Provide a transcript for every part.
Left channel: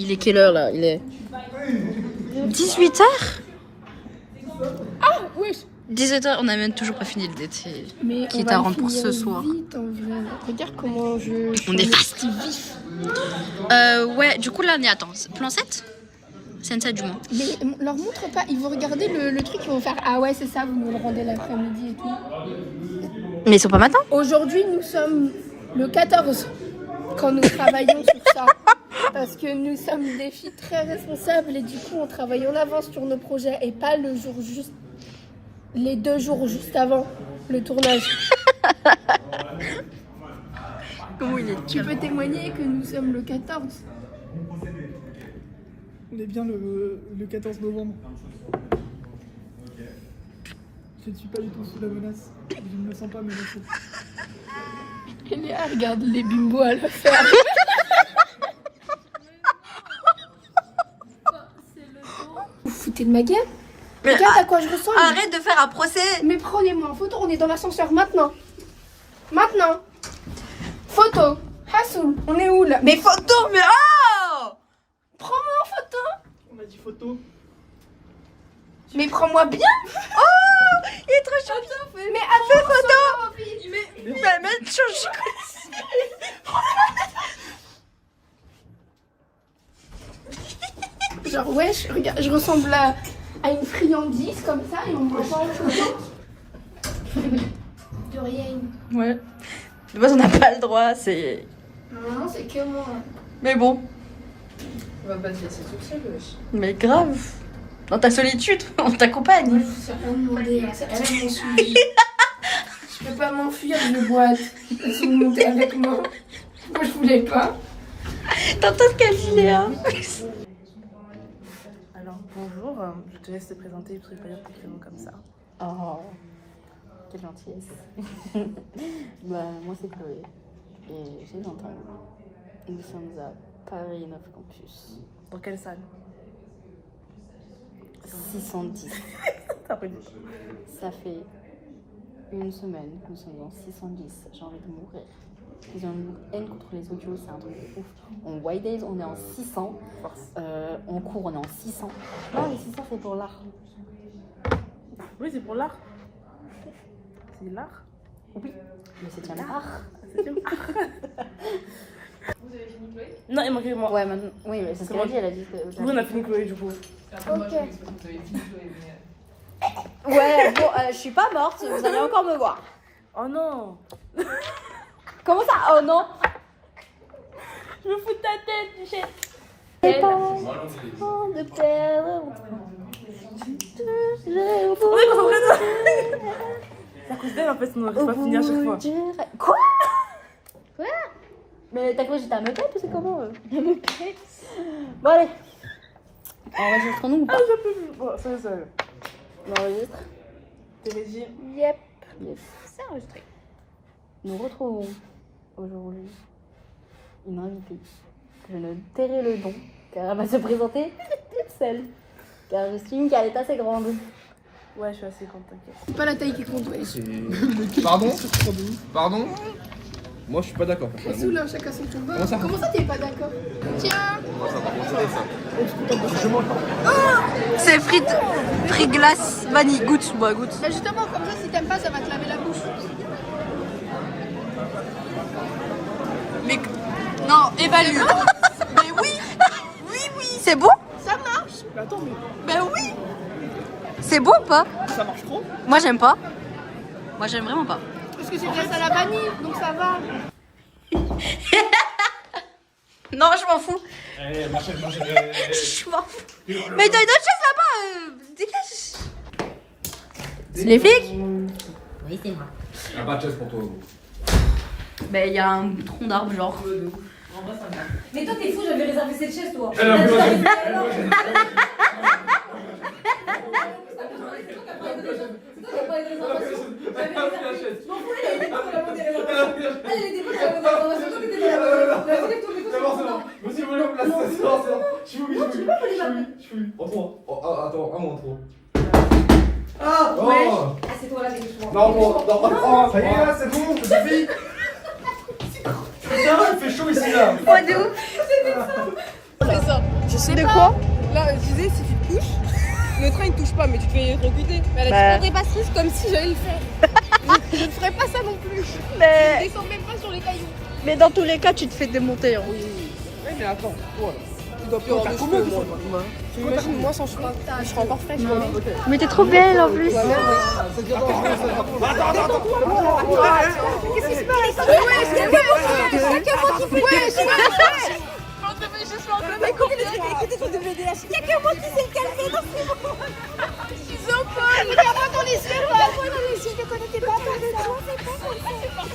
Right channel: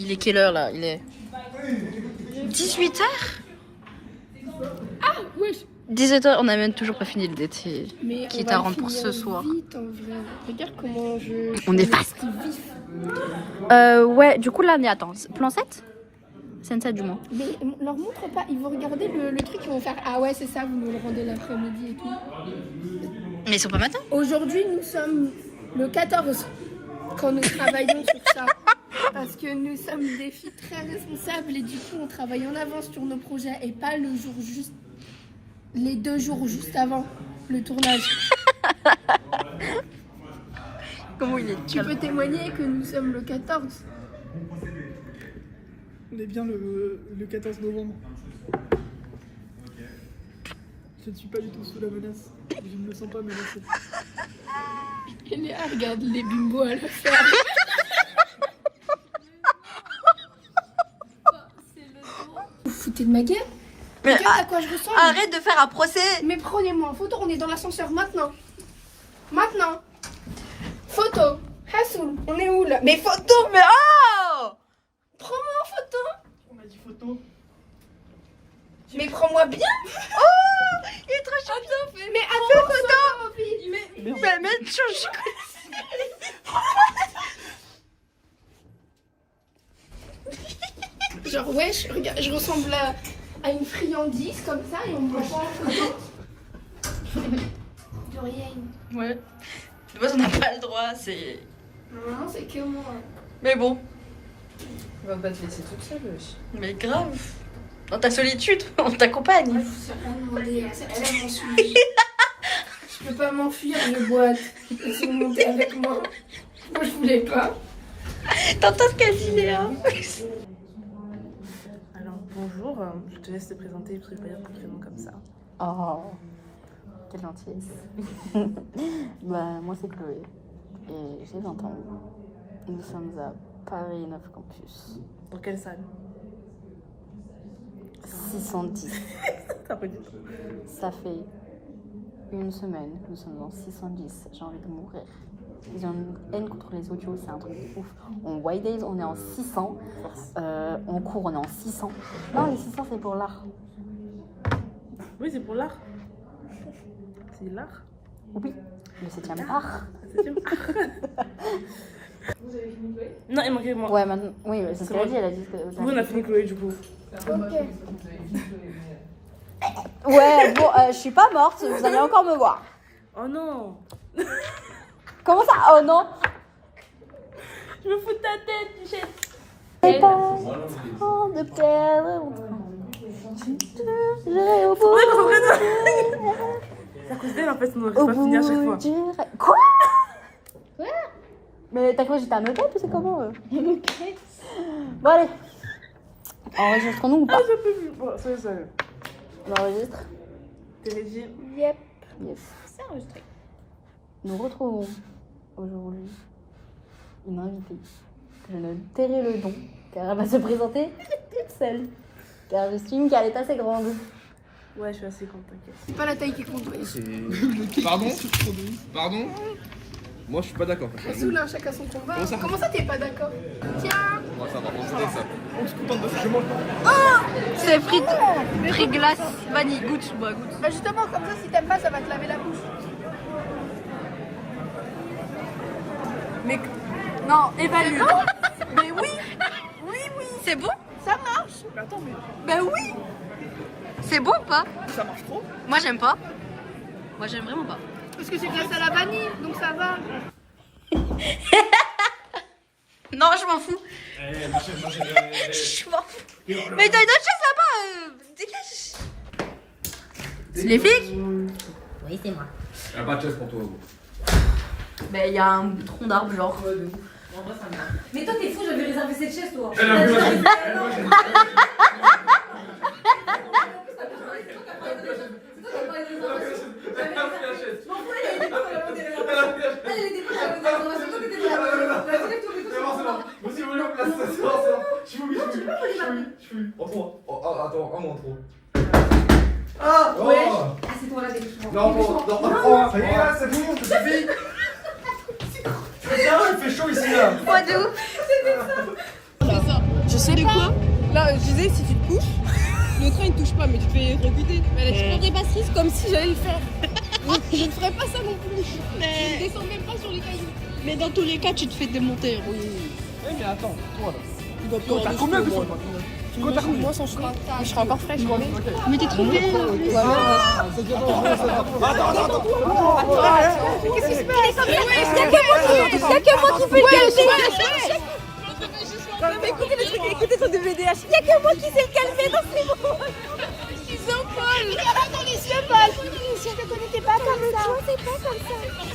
Il est quelle heure là? Il est 18h? Ah oui. 17h, on n'a même toujours pas fini le date. Qui est à rendre pour ce soir. Vite, en vrai. Regarde comment On est fast. Ouais, du coup là on est, attends, plan 7? C'est ça du moins. Mais leur montre pas, ils vont regarder le truc, ils vont faire ah ouais c'est ça, vous nous le rendez l'après-midi et tout. Mais ils sont pas maintenant? Aujourd'hui nous sommes le 14 quand nous travaillons sur ça. Parce que nous sommes des filles très responsables et du coup on travaille en avance sur nos projets et pas le jour juste, les 2 jours juste avant le tournage. Comment il est? Tu peux témoigner que nous sommes le 14. On est bien le 14 novembre. Je ne suis pas du tout sous la menace. Je ne me sens pas menacée. Et Léa regarde les bimbos à la ferme. Vous foutez de ma gueule? Mais regarde à quoi je ressemble. arrête de faire un procès. Mais prenez-moi en photo, on est dans l'ascenseur maintenant. Maintenant. Photo. Hassoul, on est où là? Mais photo. Mais oh! Prends-moi en photo. On a dit photo. Mais prends-moi bien. Oh! Il est trop chaud. Mais attends, photo. Mais même chose. Genre wesh, regarde, je ressemble à une friandise comme ça et on me voit pas en photo. De rien. Ouais. De base on n'a pas le droit, c'est... Non, c'est que moi. Mais bon. On va pas te laisser toute seule, wesh. Mais grave. Dans ta solitude, on t'accompagne. Ça va me demander, ça va m'enfuir. Je peux pas m'enfuir de boîte. Si vous montez avec moi. Moi je voulais pas. T'entends ce qu'elle dit, Léa? Alors bonjour, je te laisse te présenter parce que je vais pas dire ton prénom comme ça. Oh, quelle gentillesse. Bah, moi c'est Chloé. Et j'ai 20 ans. Nous sommes à Paris 9 Campus. Dans quelle salle? 610. T'as pas dit ça. Ça fait une semaine que nous sommes dans 610. J'ai envie de mourir. Ils ont une haine contre les audios, c'est un truc de ouf. En White Days, on est en 600. En cours, on est en 600. Non, les 600, c'est pour l'art. Oui, c'est pour l'art. C'est l'art. Oui, le 7e art. C'est art. Non, il manquait moi. Ouais, maintenant, oui, mais c'est ce qu'elle a dit. Elle a dit que. Oui, on a fini Chloé du coup. Ouais, bon, je suis pas morte, vous allez encore me voir. Oh non. Comment ça? Oh non! Je me fous de ta tête, Michel. C'est pas temps de perdre mon temps. J'ai au bout. C'est à cause d'elle en fait, on n'aurait pas fini à chaque fois. Quoi? Mais t'as cru que j'étais à Meupet ou c'est comment? Bon, allez. Enregistrons-nous ou pas? Ah, je peux plus. Bon, soyez seul. On enregistre? T'es régie? Yep. Yes. C'est enregistré. Nous retrouvons aujourd'hui une invitée que je ne tairai le nom car elle va se présenter toute seule. Car j'estime qu'elle est assez grande. Ouais, je suis assez grande, t'inquiète. C'est pas la taille qui compte. Pardon? Pardon? Moi je suis pas d'accord. Hassoul, là, chacun son combat. Comment ça t'es pas d'accord? Tiens. Moi ça va considérer ça. C'est frites glace vanille. Goûte, bois, goûte. Bah justement, comme ça, si t'aimes pas, ça va te laver la bouche. Mais non, évalue. Mais oui, oui, c'est bon. Ça marche. Mais attends, mais Ben oui. C'est bon ou pas? ça marche trop. Moi j'aime pas. Moi j'aime vraiment pas. Parce que c'est glace à la vanille, donc ça va. Non, je m'en fous. Je m'en fous. Mais t'as une autre chaise là-bas. Dégage. C'est les flics? Oui, c'est moi. Y'a pas de chaise pour toi. Ben il y a un tronc d'arbre genre. Mais toi t'es fou, j'avais réservé cette chaise toi. Non, tu peux pas voler ma plume. En trop. Oh, attends, un mot en trop. Ah, Oh. ouais. C'est toi là, dépêche-moi. Non, ça y est, là, c'est bon, c'est fini. Putain, il fait chaud ici, là. Pas de ouf. Tu sais de quoi? Là, je disais, si tu te couches, le train il touche pas, mais tu te fais recruter. Mais elle a dit, on dépasse tous comme si j'allais le faire. Je ne ferais pas ça non plus. Mais, Je descends même pas sur les cailloux. mais dans tous les cas, tu te fais démonter. Hein. Oui, mais attends. Il doit T'as combien de fois? Tu imagines, moi sans cheveux, je serais encore fraîche. Mais t'es trop belle en plus. Ça devient dangereux, ça devient Qu'est-ce qui se passe? Il y a que moi qui fais le écoutez ton DVDH. Il y a que moi qui sais le calmer dans ce moment. Ils ont peur. Regarde dans les yeux. Je ne connaissais pas comme ça.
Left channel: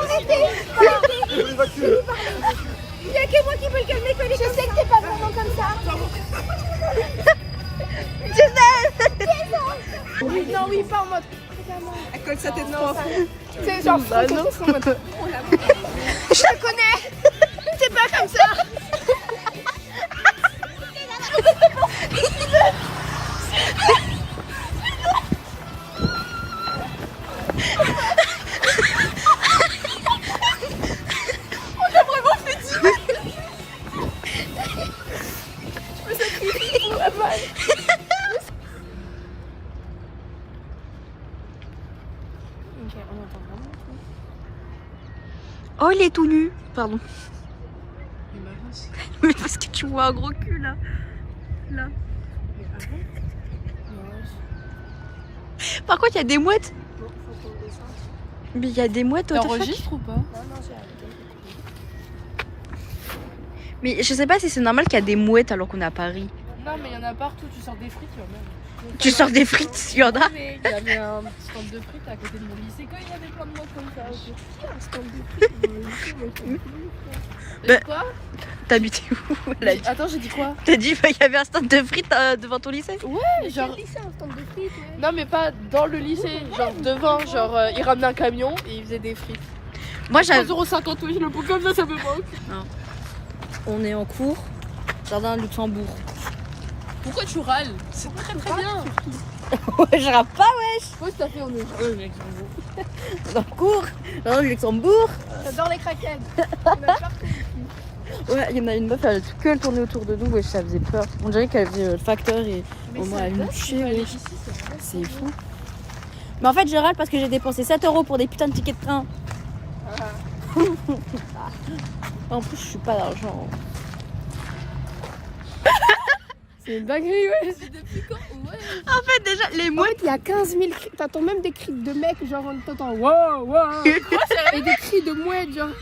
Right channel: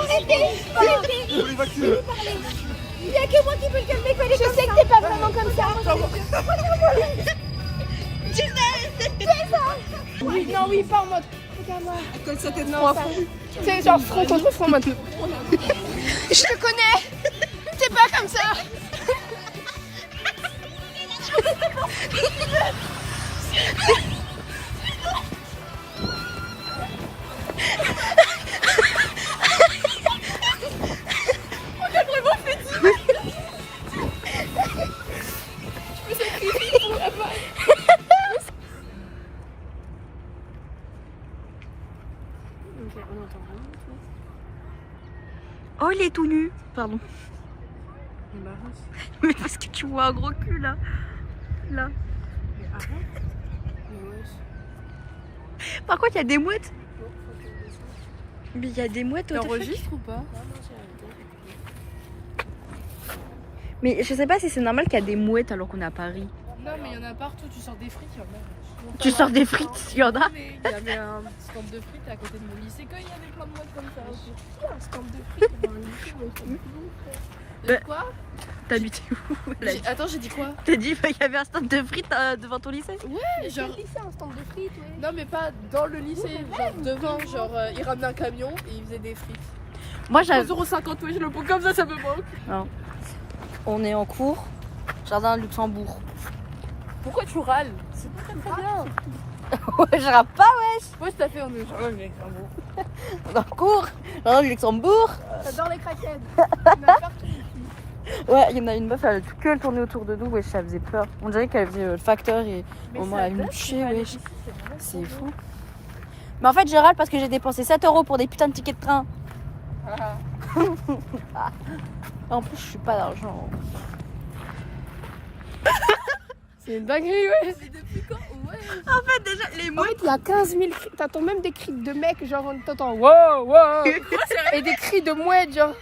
Arrêtez. Il y a que moi qui peux le calmer. Je sais que t'es pas vraiment comme ça. Non, oui, pas en mode. Elle colle sa tête trois fois. C'est genre, en mode. Je te connais. C'est pas comme ça. Oh, il est tout nu. Pardon. Mais parce que tu vois un gros cul là. Là. Par contre, il y a des mouettes. Mais il y a des mouettes au T'enregistres ou pas? Mais je sais pas si c'est normal qu'il y a des mouettes alors qu'on est à Paris. Non, mais il y en a partout. Tu sors des frites, il y en a. Tu sors des frites, il y en a. Il y avait un petit stand de frites à côté de mon lycée quand il y avait plein de mouettes comme ça aussi. Bah, Quoi? T'habitais où là? Attends, j'ai dit quoi? T'as dit qu'il y avait un stand de frites devant ton lycée? Ouais, genre. Non, mais pas dans le lycée, genre devant. Genre, ils ramenaient un camion et ils faisaient des frites. Moi j'avais. 3,50 €, oui, je le prends comme ça me manque. On est en cours, jardin Luxembourg. Pourquoi tu râles? C'est très très bien. Ouais, je rappe pas, wesh. Qu'est-ce que t'as fait en jardin de Luxembourg? En cours, jardin Luxembourg. J'adore les craquettes. Ouais, il y en a une meuf, elle a que elle tournait autour de nous, wesh, ça faisait peur. On dirait qu'elle faisait le facteur et au moins elle nous tuait, wesh. C'est fou. Mais en fait, je râle parce que j'ai dépensé 7 € pour des putains de tickets de train. En plus, je suis pas d'argent. C'est une dinguerie, ouais. C'est depuis quand? Ouais. En fait, déjà, les En mouettes. fait, il y a 15 000 cris. T'entends même des cris de mecs, genre, t'entends wow, wow. Et des cris de mouettes, genre.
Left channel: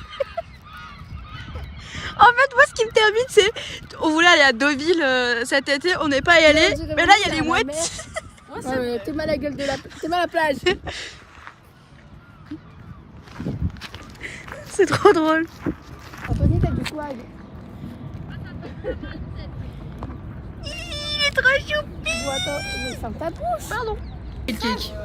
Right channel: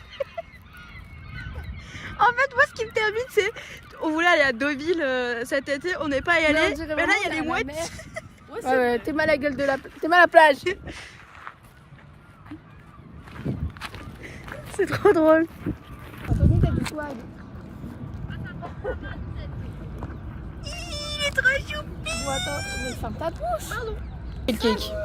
En fait, moi, ce qui me termine, c'est. On voulait aller à Deauville cet été, on n'est pas y allé. Mais là, il y a les mouettes. Ouais, t'es mal à la gueule de la. T'es mal à la plage. C'est trop drôle. Anthony, t'as du swag. Il est trop choupi. Bon, attends, mais ferme ta bouche. Pardon.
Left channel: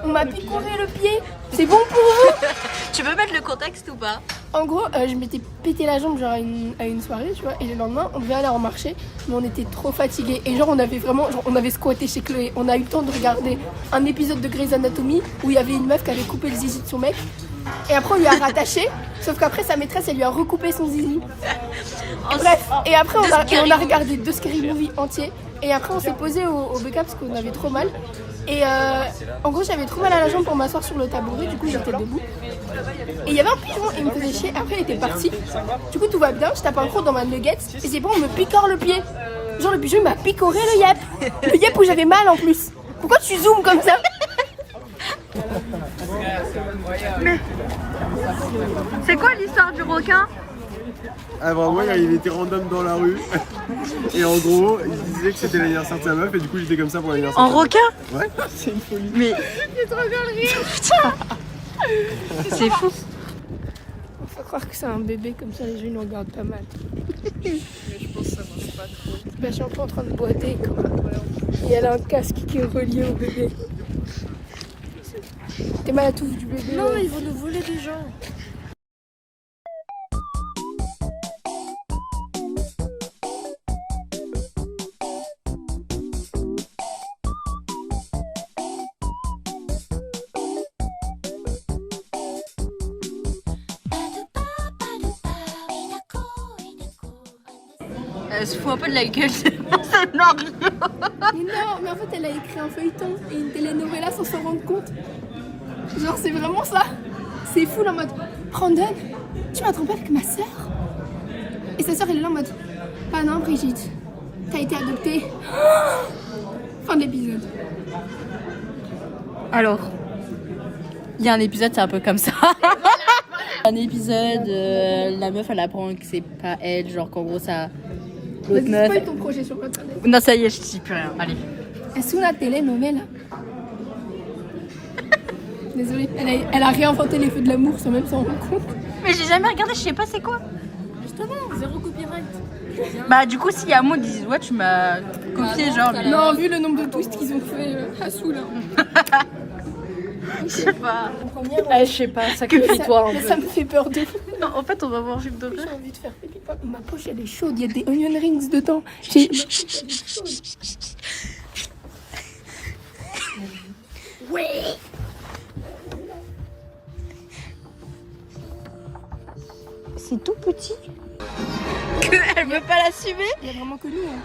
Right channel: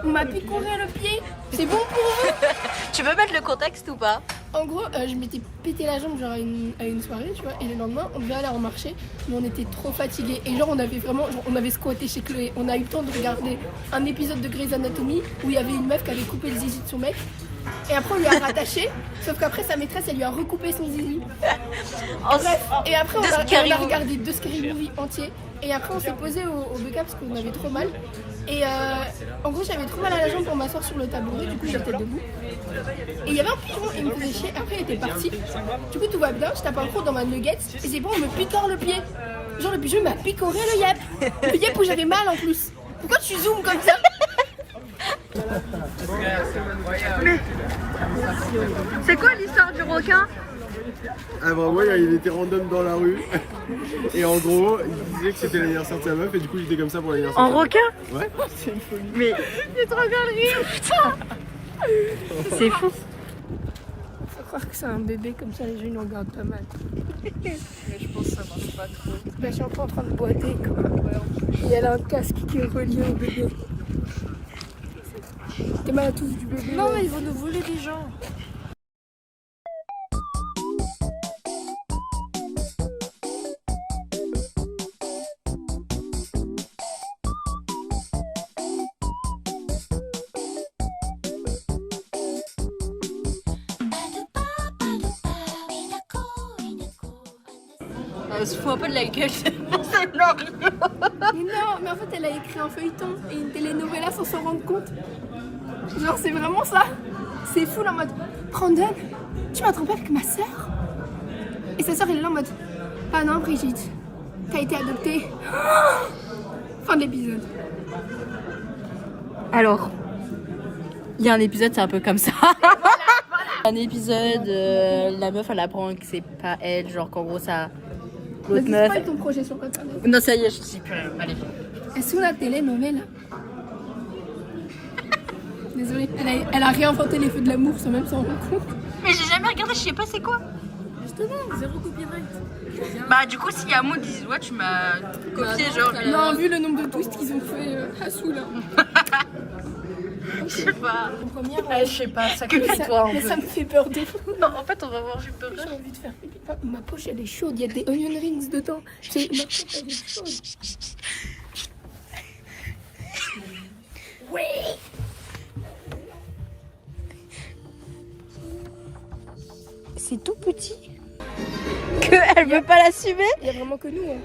On m'a picoré le pied. C'est bon pour vous? Tu veux mettre le contexte ou pas? En gros, je m'étais pété la jambe genre à une soirée, tu vois, et le lendemain, on devait aller en marché, mais on était trop fatigués. Et genre, on avait vraiment, genre, on avait squatté chez Chloé. On a eu le temps de regarder un épisode de Grey's Anatomy où il y avait une meuf qui avait coupé le zizi de son mec. Et après, on lui a rattaché, sauf qu'après, sa maîtresse, elle lui a recoupé son zizi. Bref, et après, on a regardé 2 Scary Movie entiers. Et après, on s'est posé au BK parce qu'on avait trop mal. Et en gros, j'avais trop mal à la jambe pour m'asseoir sur le tabouret, du coup, j'étais debout. Et il y avait un pigeon, il me faisait chier. Après, il était parti. Du coup, tout va bien. Je tape un croc dans ma nuggets. Et c'est bon, on me picore le pied. Genre, le pigeon, il m'a picoré le yep. Le yep où j'avais mal en plus. Pourquoi tu zoomes comme ça? C'est quoi l'histoire du requin? Ah bah ouais, il était random dans la rue. Et en gros, il disait que c'était l'anniversaire de sa meuf et du coup j'étais comme ça pour l'anniversaire. En requin? Ouais. C'est une folie. Mais J'ai trop bien le rire. c'est fou. Faut croire que c'est un bébé, comme ça les gens ils le regardent pas mal. Mais je pense que ça marche pas trop. Bah, je suis un peu en train de boiter quoi. Et elle a un casque qui est relié au bébé. T'es mal à la touffe du bébé. Non, ouais. ils vont nous voler des gens. Elle se fout un peu de la gueule. Mais non, mais en fait, elle a écrit un feuilleton et une telenovela sans s'en rendre compte. Genre, c'est vraiment ça. C'est fou, en mode Brandon, tu m'as trompé avec ma sœur. Et sa sœur, elle est là en mode ah non, Brigitte, t'as été adoptée. Fin de l'épisode. Alors, il y a un épisode, c'est un peu comme ça. Un épisode, la meuf elle apprend que c'est pas elle, genre qu'en gros ça. L'autre Vas-y, meuf. spoil ton projet sur Internet. Non, ça y est, je dis plus rien. Allez. Est-ce que la telenovela? Désolée, elle a réinventé les feux de l'amour sans même s'en rendre compte. Mais j'ai jamais regardé, je sais pas c'est quoi. Justement, zéro copyright. Bah, du coup, s'il y a un mot, ils disent ouais, tu m'as copié, genre. Non, vu le nombre de twists qu'ils ont fait à Soul. Je sais pas. Je sais pas, sacrifie-toi un mais peu. ça me fait peur de fou. Non, en fait, on va manger de J'ai envie de faire pipi. Ma poche elle est chaude, il y a des onion rings dedans. Ma poche elle est chaude. Oui. C'est tout petit. Elle veut pas l'assumer. Il y a vraiment que nous. Hein.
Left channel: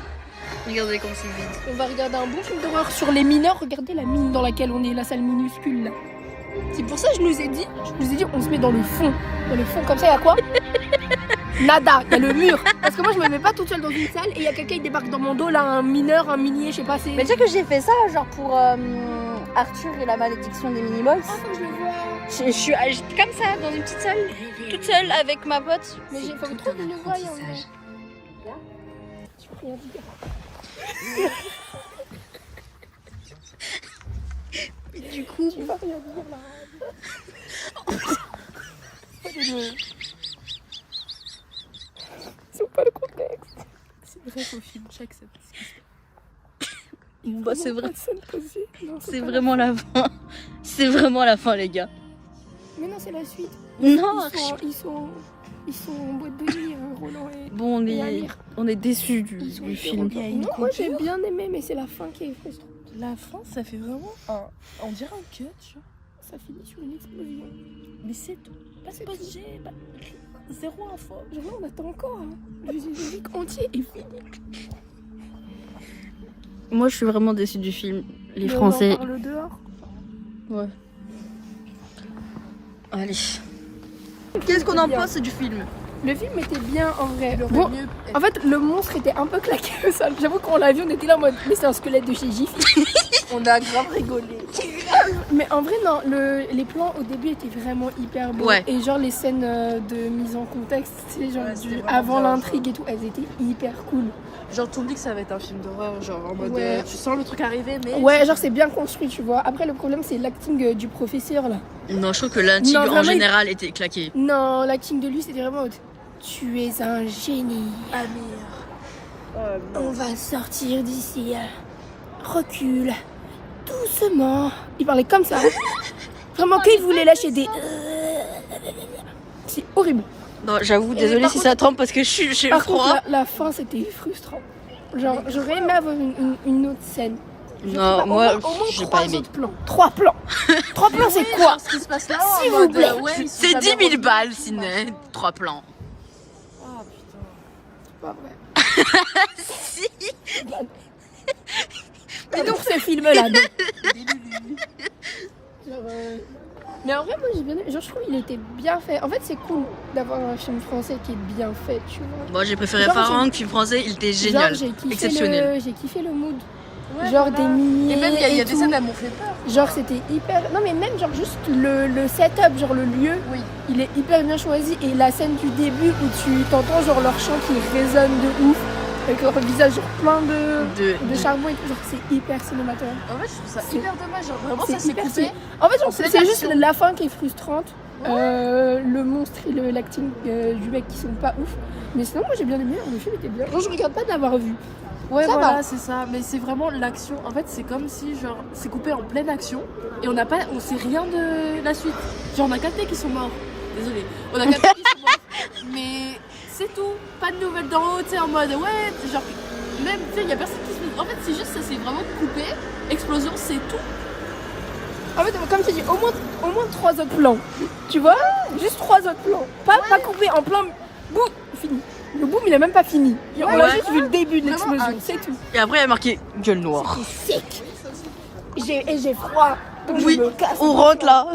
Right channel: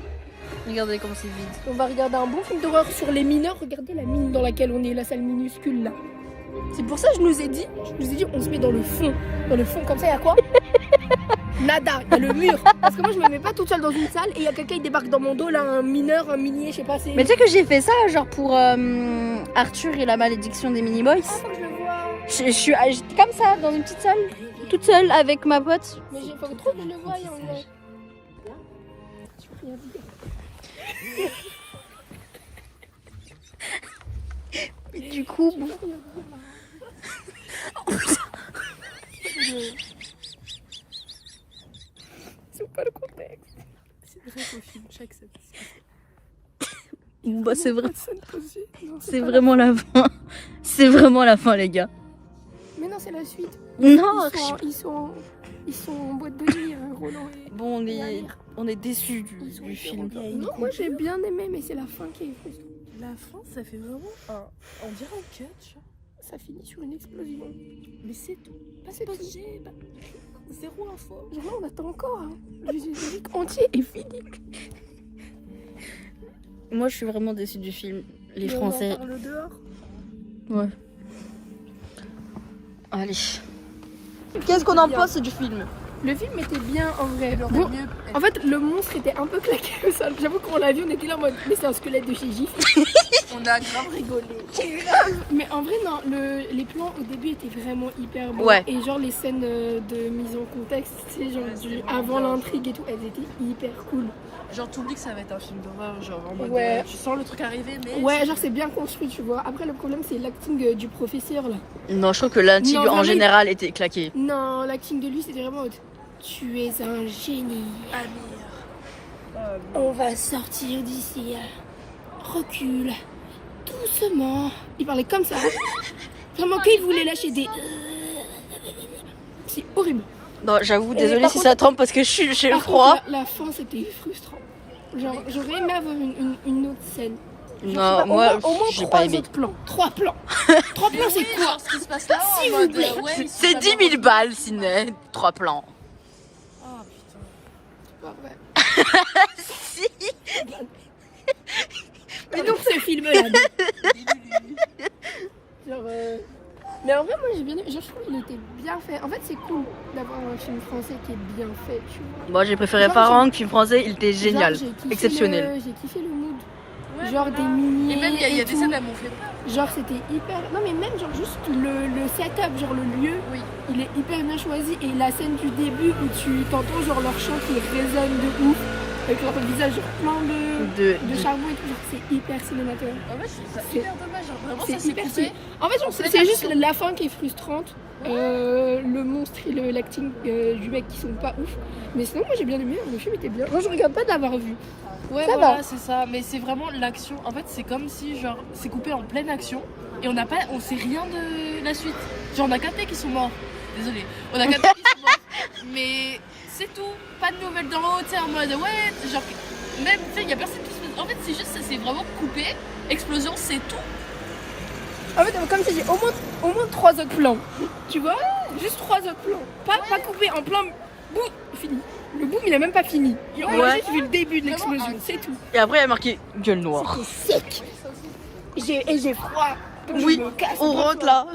Regardez comment c'est vide. On va regarder un bon film d'horreur sur les mineurs. Regardez la mine dans laquelle on est, la salle minuscule là. C'est pour ça que je nous ai dit, on se met dans le fond. Dans le fond comme ça, il y a quoi? Nada, il y a le mur. Parce que moi je me mets pas toute seule dans une salle et il y a quelqu'un qui débarque dans mon dos là, un mineur, un minier, je sais pas, c'est. Mais tu sais que j'ai fait ça genre pour Arthur et la malédiction des Minimoys. Ah, faut que je le vois. Je suis comme ça dans une petite salle, toute seule avec ma pote. Mais il faut trop que je le voie en vrai. Je peux rien dire. Et du coup, Je peux rien dire là. C'est pas le contexte. C'est vrai qu'au film, chaque scène. bah, c'est vrai. Non, C'est vraiment la fin. C'est vraiment la fin, les gars. Mais non, c'est la suite. Non. Ils sont en boîte de nuit, hein, Roland et. Bon, on est déçus du film. Non, moi j'ai bien aimé, mais c'est la fin qui est frustrante. La fin, ça fait vraiment on dirait un cut, genre. Ça finit sur une explosion. Mais c'est tout. Pas de budget, zéro info. Genre là, on attend encore. Hein. Le générique entier est fini. Moi, je suis vraiment déçue du film. Les Mais Français. on en parle dehors. Ouais. Allez. Qu'est-ce qu'on en pense du film? Le film était bien en vrai. Bon, en fait, le monstre était un peu claqué au sol. J'avoue qu'on l'a vu, on était là en mode, mais c'est un squelette de chez Gif. On a grave rigolé. Mais en vrai, non, les plans au début étaient vraiment hyper beaux. Ouais. Et genre, les scènes de mise en contexte, c'est genre avant l'intrigue et tout, elles étaient hyper cool. Genre, t'oublies que ça va être un film d'horreur, genre en mode. Ouais. Tu sens le truc arriver, mais. Ouais, genre, c'est bien construit, tu vois. Après, le problème, c'est l'acting du professeur là. Non, je trouve que l'intrigue Non, en vraiment, général était claquée. Non, l'acting de lui, c'était vraiment. Tu es un génie. Amir. On va sortir d'ici. Recule. Doucement. Il parlait comme ça. Vraiment qu'il voulait lâcher des. C'est horrible. Non, j'avoue, désolée si ça trempe parce que j'ai Par froid. contre, la fin, c'était frustrant. Genre, j'aurais aimé avoir une autre scène. Non, moi, au moins j'ai pas aimé. 3 plans. 3 plans, c'est quoi? Ce qui se passe là, S'il en vous mode, plaît. ouais, C'est 10 000 balles, ciné. 3 plans. Oh C'est pas vrai. Si. Mais donc, ce film-là. non. Genre, mais en vrai, moi, j'ai bien aimé. Genre, je trouve qu'il était bien fait. En fait, c'est cool d'avoir un film français qui est bien fait, tu vois. Moi, j'ai préféré Genre, Farang, film français, il était génial. Genre, j'ai kiffé Exceptionnel. J'ai kiffé le mood. Ouais, Genre voilà. des miniers Et même, il y a et des tout. scènes, elles m'ont fait peur. Genre c'était hyper... Non mais même genre juste le setup, genre le lieu, Oui. il est hyper bien choisi. Et la scène du début où tu t'entends genre leur chant qui résonne de ouf, avec leur visage genre plein de charbon et tout, genre c'est hyper cinématographique. En fait, je trouve ça C'est- hyper dommage. Genre, vraiment, C'est ça s'est hyper coupé. stylé. En fait genre, pleine c'est juste action. la fin qui est frustrante. Le monstre et l'acting du mec qui sont pas ouf. Mais sinon moi j'ai bien aimé, le film était bien. Genre je regarde pas de l'avoir vu. Ouais, Ça voilà, va. c'est ça. Mais c'est vraiment l'action. En fait, c'est comme si, genre, c'est coupé en pleine action et on sait rien de la suite. Genre, on a capté qu'ils sont morts. Désolée. On a capté qu'ils sont morts. Mais c'est tout. Pas de nouvelles d'en haut, tu sais, en mode, ouais, genre, même, tu sais, y a personne qui se. En fait, c'est juste, ça s'est vraiment coupé. Explosion, c'est tout. En fait, comme tu dis, au moins 3 autres plans. Tu vois? Juste 3 autres plans. Pas coupé en plan bout, fini. Le boom, il a même pas fini. On a Ouais. juste vu le début de l'explosion, c'est tout. Et après, il y a marqué gueule noire. Sec. Et j'ai froid. Donc Oui, je me casse. on rentre là.